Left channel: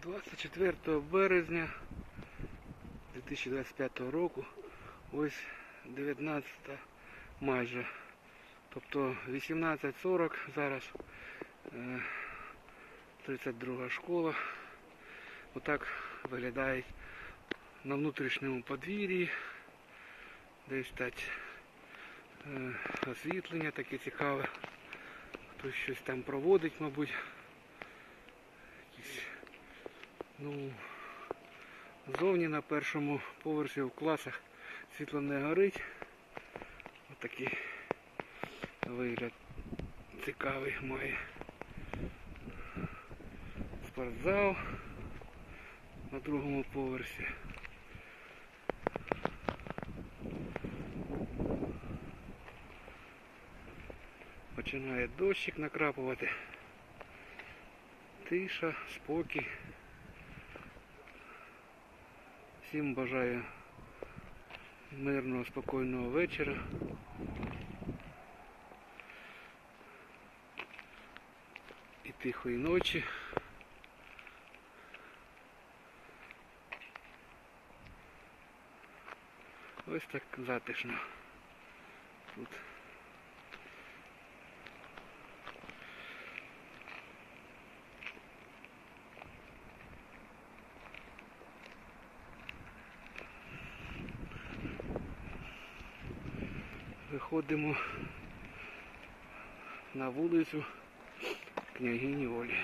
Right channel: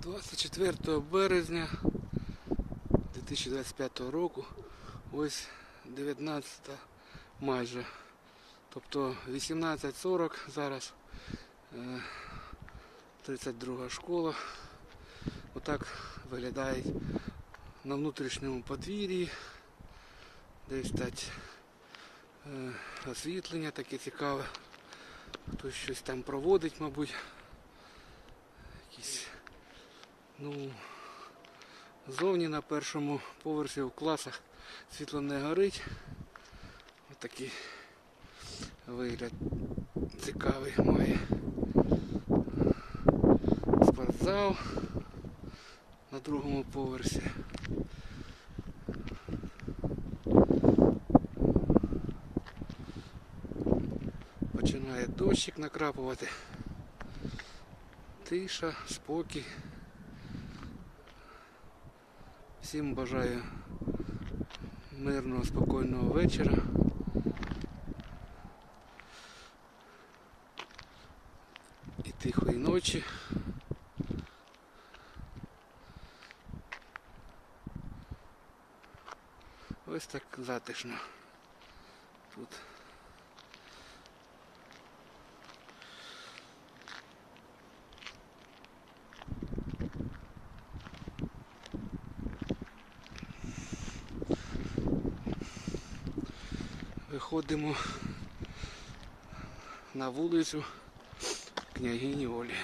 24 березня 2025 року, ось 19 майже. Тобто 18.40 зараз е, 32 школа. Отак виглядає на внутрішньому подвір'ї. Десь так е, освітлення таке цікаве. Хтось щось там проводить, мабуть. Якісь, ну, зовні на першому поверсі в класах світло не горить. Отакий вигляд цікавий має. Спортзал на другому поверсі. Починає дощик накрапувати. Тиша, спокій. Всім бажаю мирного, спокійного вечора. І тихої ночі. Ось так затишно тут. Виходимо на вулицю княгині Олі.